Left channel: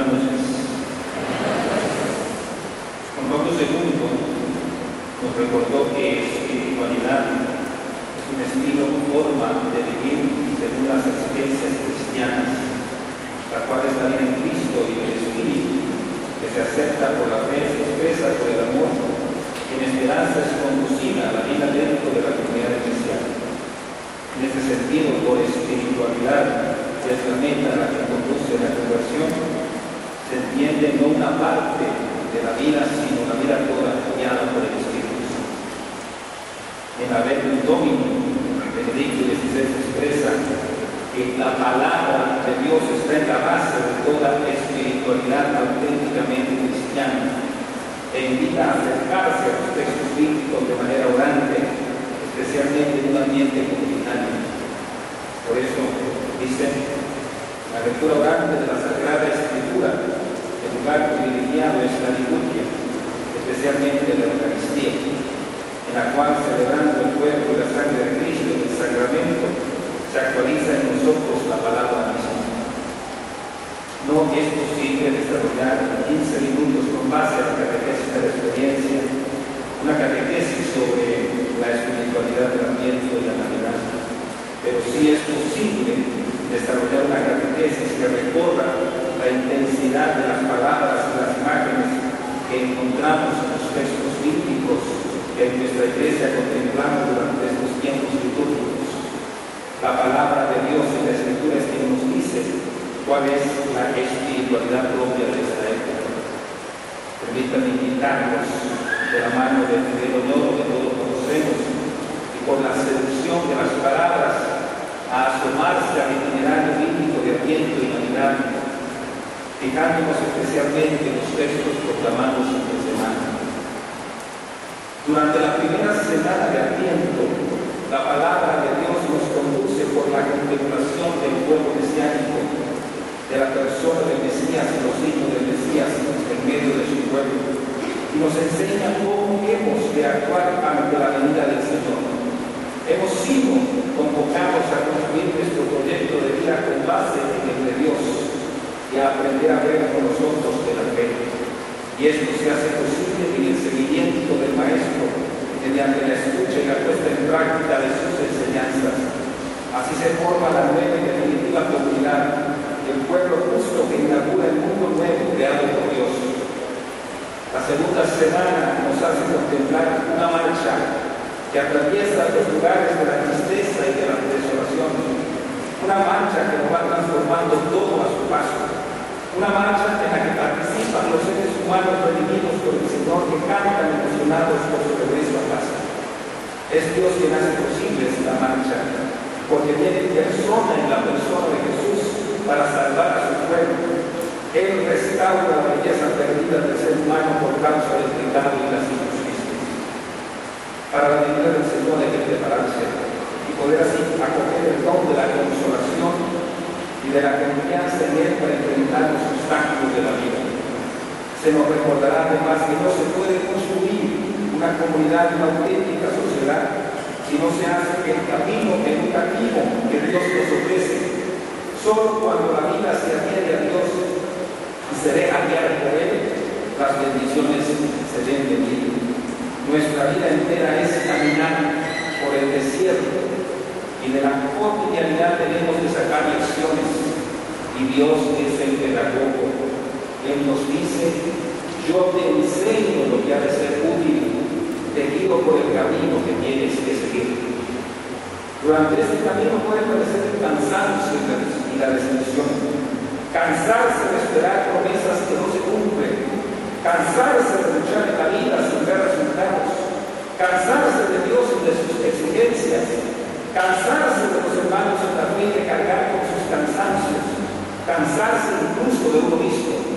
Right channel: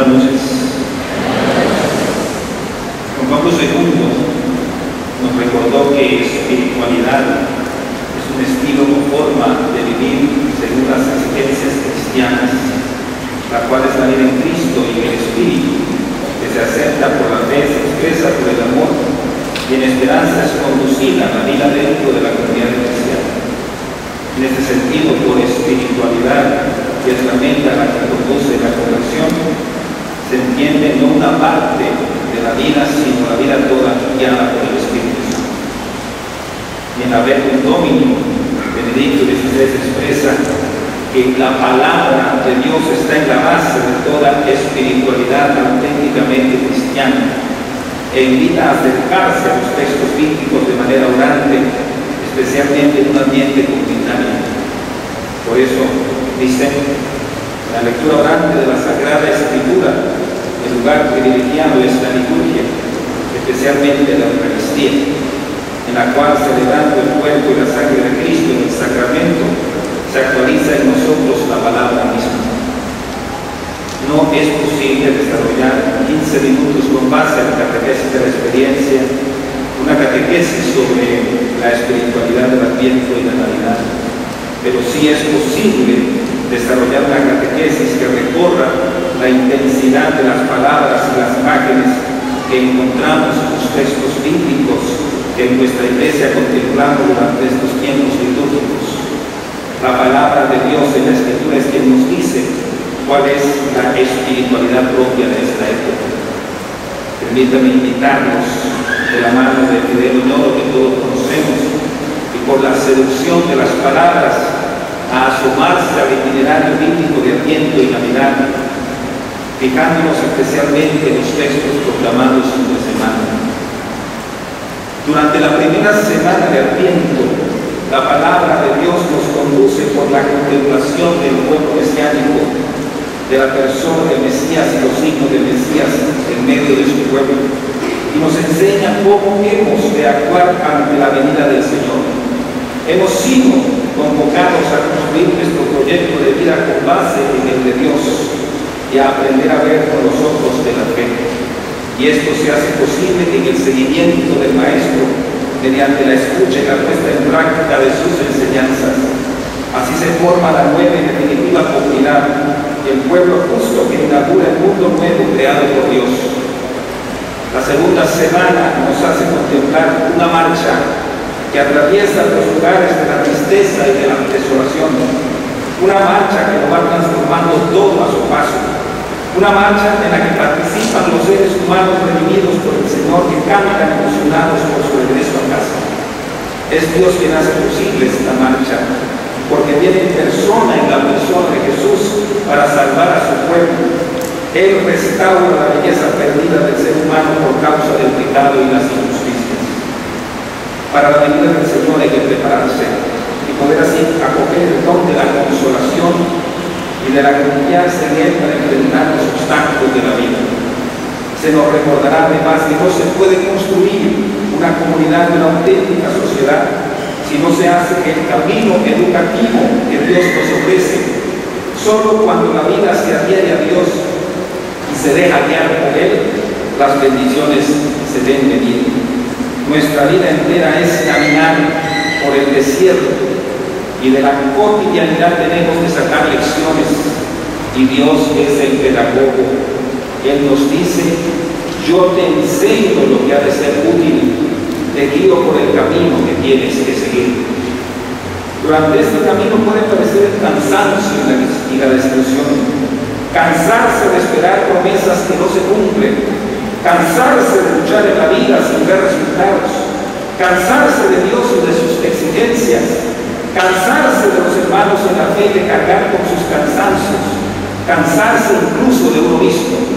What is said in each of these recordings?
Buenas noches. Juan Pablo II nos recordó que espiritualidad es un estilo o forma de vivir según las exigencias cristianas, la cual es la vida en Cristo y el Espíritu, que se acepta por la fe, se expresa por el amor y en esperanza es conducida a la vida dentro de la comunidad cristiana. En este sentido, por espiritualidad, que es la meta a la que conduce la conversión, se entiende no una parte de la vida, sino la vida toda guiada por el Espíritu Santo. En la Verbum Domini, Benedicto XVI expresa que la palabra de Dios está en la base de toda espiritualidad auténticamente cristiana e invita a acercarse a los textos bíblicos de manera orante, especialmente en un ambiente comunitario. Por eso dicen, la lectura orante de la Sagrada Escritura, el lugar privilegiado es la liturgia, especialmente la Eucaristía, en la cual, celebrando el cuerpo y la sangre de Cristo en el sacramento, se actualiza en nosotros la palabra misma. No es posible desarrollar 15 minutos con base a la catequesis de la experiencia, una catequesis sobre la espiritualidad del Adviento y la Navidad, pero sí es posible desarrollar una catequesis que recorra la intensidad de las palabras y las imágenes que encontramos en los textos bíblicos que en nuestra iglesia contemplamos durante estos tiempos litúrgicos. La palabra de Dios en la Escritura es quien nos dice cuál es la espiritualidad propia de esta época. Permítanme invitarnos de la mano de Fidel Oñoro, que todos conocemos, y por la seducción de las palabras a asomarse al itinerario bíblico de Adviento y Navidad, fijándonos especialmente en los textos proclamados en la semana. Durante la primera semana de Adviento, la palabra de Dios nos conduce por la contemplación del pueblo mesiánico, de la persona del Mesías y los signos del Mesías en medio de su pueblo, y nos enseña cómo hemos de actuar ante la venida del Señor. Hemos sido convocados a construir nuestro proyecto de vida con base en el de Dios y a aprender a ver con los ojos de la fe. Y esto se hace posible en el seguimiento del Maestro mediante la escucha y la puesta en práctica de sus enseñanzas. Así se forma la nueva y definitiva comunidad, el pueblo justo que inaugura el mundo nuevo creado por Dios. La segunda semana nos hace contemplar una marcha que atraviesa los lugares de la tristeza y de la desolación, una marcha que nos va transformando todo a su paso, una marcha en la que participan los seres humanos redimidos por el Señor que cantan emocionados por su regreso a casa. Es Dios quien hace posible esta marcha, porque viene en persona en la persona de Jesús para salvar a su pueblo. Él restaura la belleza perdida del ser humano por causa del pecado y las injusticias. Para la venida del Señor hay que prepararse y poder así acoger el don de la consolación y de la confianza en Él para enfrentar los obstáculos de la vida. Se nos recordará además que no se puede construir una comunidad, una auténtica sociedad, si no se hace el camino educativo que Dios nos ofrece. Solo cuando la vida se adhiere a Dios y se deja guiar por Él, las bendiciones se ven venir. Nuestra vida entera es caminar por el desierto y de la cotidianidad tenemos que sacar lecciones, y Dios es el pedagogo. Él nos dice: yo te enseño lo que ha de ser útil, te guío por el camino que tienes que seguir. Durante este camino puede parecer el cansancio y la desilusión, cansarse de esperar promesas que no se cumplen, cansarse de luchar en la vida sin ver resultados, cansarse de Dios y de sus exigencias, cansarse de los hermanos en la fe de cargar con sus cansancios, cansarse incluso de uno mismo.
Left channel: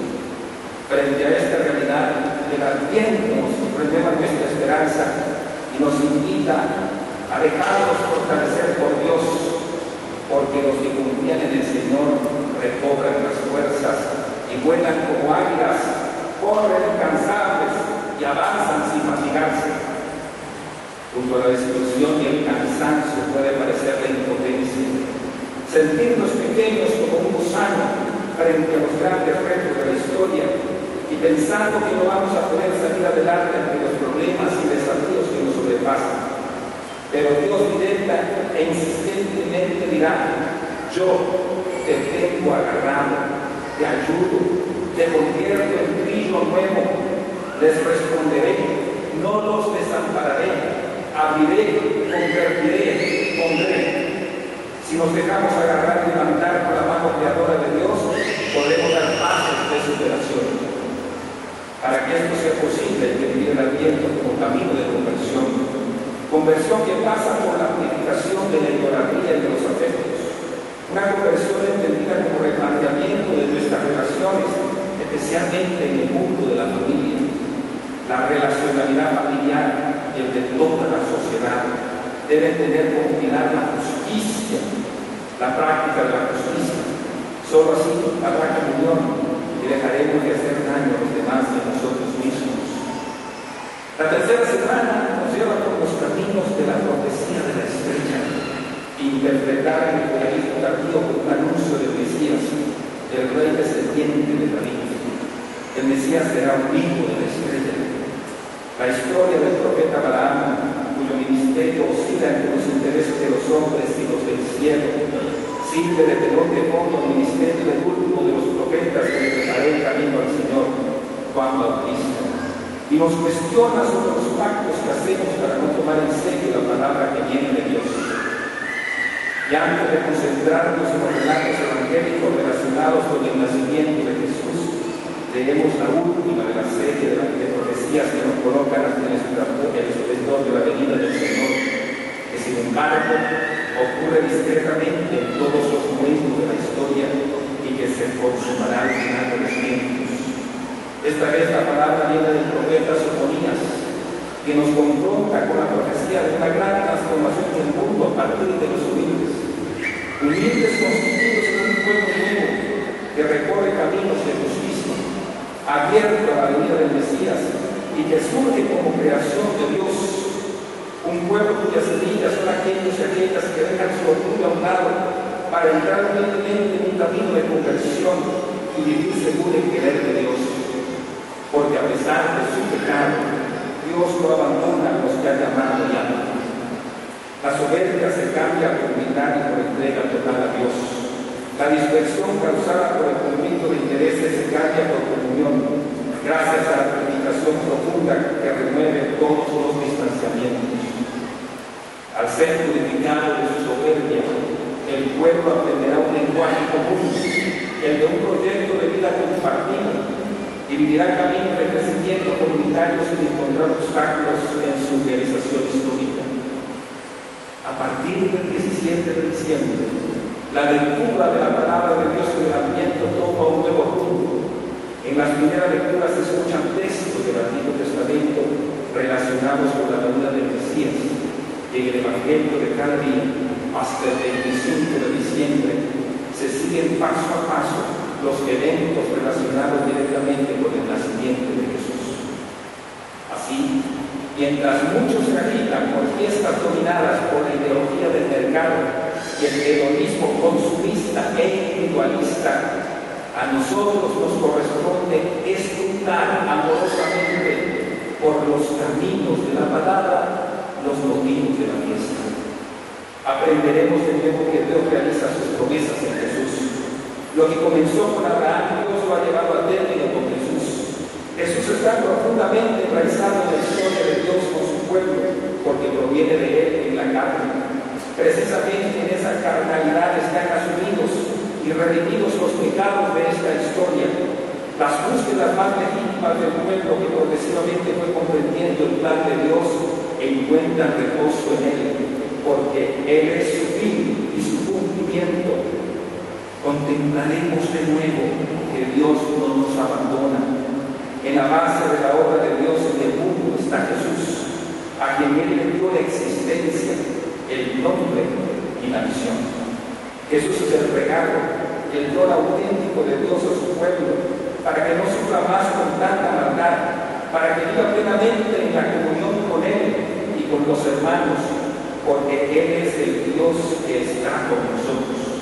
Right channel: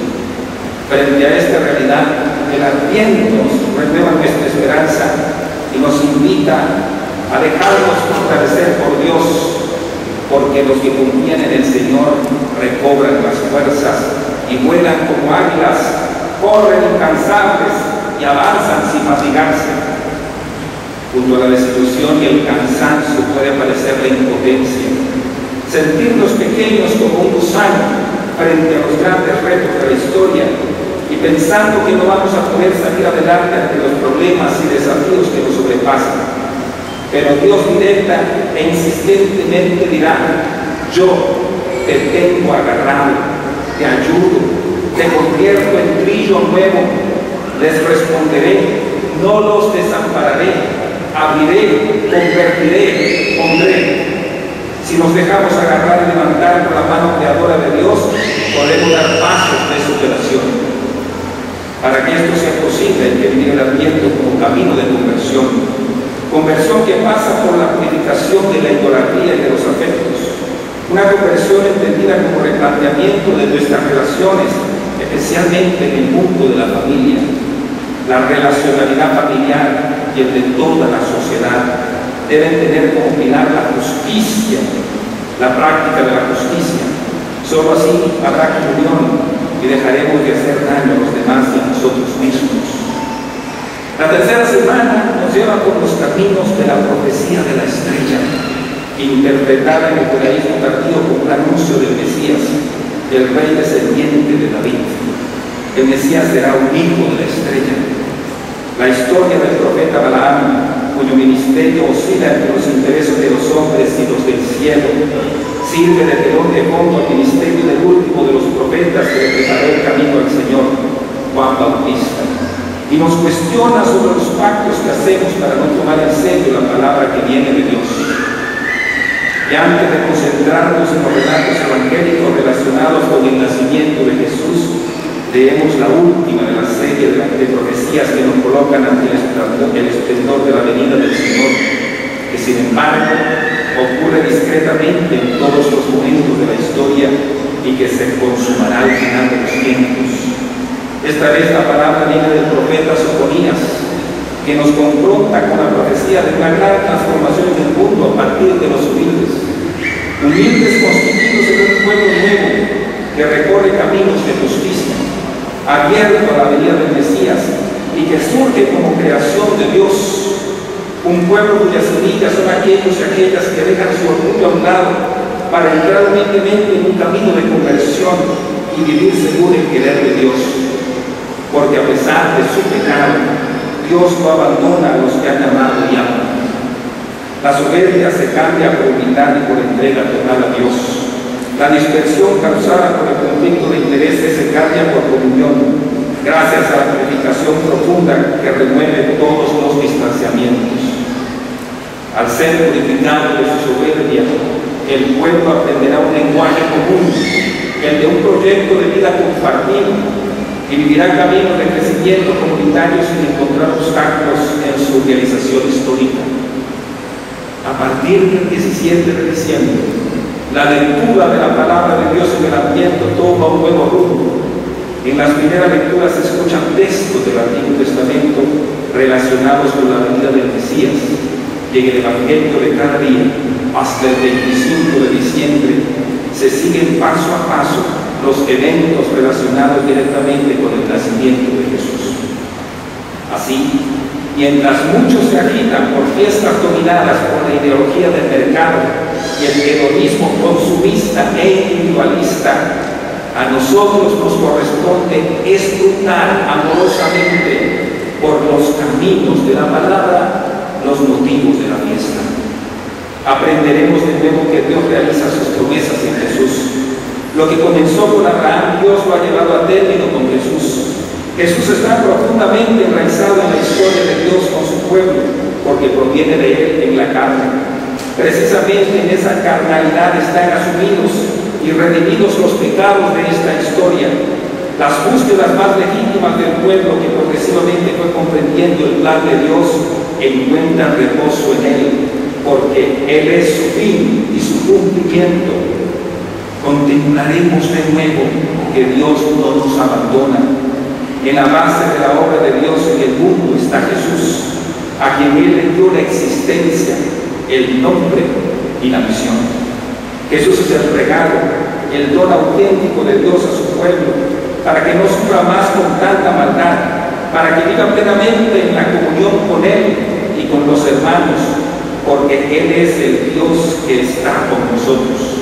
Frente a esta realidad, el Adviento nos renueva nuestra esperanza y nos invita a dejarnos fortalecer por Dios, porque los que confían en el Señor recobran las fuerzas y vuelan como águilas, corren incansables y avanzan sin fatigarse. Junto a la desilusión y el cansancio puede aparecer la impotencia, sentirnos pequeños como un gusano frente a los grandes retos de la historia y pensando que no vamos a poder salir adelante ante los problemas y desafíos que nos sobrepasan. Pero Dios directa e insistentemente dirá: yo te tengo agarrado, te ayudo, te convierto en trillo nuevo, les responderé, no los desampararé, abriré, convertiré, pondré. Si nos dejamos agarrar y levantar con la mano creadora de Dios, podemos dar pasos de superación. Para que esto sea posible, hay que vivir el Adviento como camino de conversión que pasa por la purificación de la idolatría y de los afectos. Una conversión entendida como replanteamiento de nuestras relaciones, especialmente en el mundo de la familia, la relacionalidad familiar y el de toda la sociedad. Deben tener como pilar la justicia, la práctica de la justicia. Solo así habrá comunión y dejaremos de hacer daño a los demás y a nosotros mismos. La tercera semana nos lleva por los caminos de la profecía de la estrella, interpretada en el judaísmo tardío como un anuncio del Mesías, el rey descendiente de David. El Mesías será un hijo de la estrella. La historia del profeta Balaam, cuyo ministerio oscila entre los intereses de los hombres y los del cielo, sirve de telón de fondo al ministerio del último de los profetas que le preparó el camino al Señor, Juan Bautista, y nos cuestiona sobre los pactos que hacemos para no tomar en serio la palabra que viene de Dios. Y antes de concentrarnos en los relatos evangélicos relacionados con el nacimiento de Jesús, leemos la última de la serie de profecías que nos colocan ante el esplendor de la venida del Señor, que sin embargo ocurre discretamente en todos los momentos de la historia y que se consumará al final de los tiempos. Esta vez la palabra viene del profeta Sofonías, que nos confronta con la profecía de una gran transformación del mundo a partir de los humildes constituidos en un pueblo nuevo que recorre caminos de justicia, abierto a la venida del Mesías y que surge como creación de Dios, un pueblo cuyas semillas son aquellos y aquellas que dejan su orgullo a un lado para entrar humildemente en un camino de conversión y vivir según el querer de Dios. Porque a pesar de su pecado, Dios no abandona a los que han amado y aman. La soberbia se cambia por humildad y por entrega total a Dios. La dispersión causada por el conflicto de intereses se cambia por comunión, gracias a la purificación profunda que remueve todos los distanciamientos. Al ser purificado de su soberbia, el pueblo aprenderá un lenguaje común, el de un proyecto de vida compartido, y vivirá caminos de crecimiento comunitario sin encontrar obstáculos en su realización histórica. A partir del 17 de diciembre, la lectura de la palabra de Dios en el Adviento toma un nuevo rumbo. En las primeras lecturas se escuchan textos del Antiguo Testamento relacionados con la venida del Mesías, y en el Evangelio de cada día, hasta el 25 de diciembre, se siguen paso a paso los eventos relacionados directamente con el nacimiento de Jesús. Así, mientras muchos se agitan por fiestas dominadas por la ideología del mercado y el hedonismo consumista e individualista, a nosotros nos corresponde escrutar amorosamente por los caminos de la palabra los motivos de la fiesta. Aprenderemos de nuevo que Dios realiza sus promesas en Jesús. Lo que comenzó con Abraham, Dios lo ha llevado a término con Jesús. Jesús está profundamente enraizado en la historia de Dios con su pueblo, porque proviene de él en la carne. Precisamente en esa carnalidad están asumidos y redimidos los pecados de esta historia, las búsquedas más legítimas del pueblo que progresivamente fue comprendiendo el plan de Dios encuentran reposo en él, porque él es su fin y su cumplimiento. Contemplaremos de nuevo que Dios no nos abandona. En la base de la obra de Dios en el mundo está Jesús, a quien Él le dio la existencia, el nombre y la misión. Jesús es el regalo, el don auténtico de Dios a su pueblo, para que no sufra más con tanta maldad, para que viva plenamente en la comunión con Él y con los hermanos, porque Él es el Dios que está con nosotros.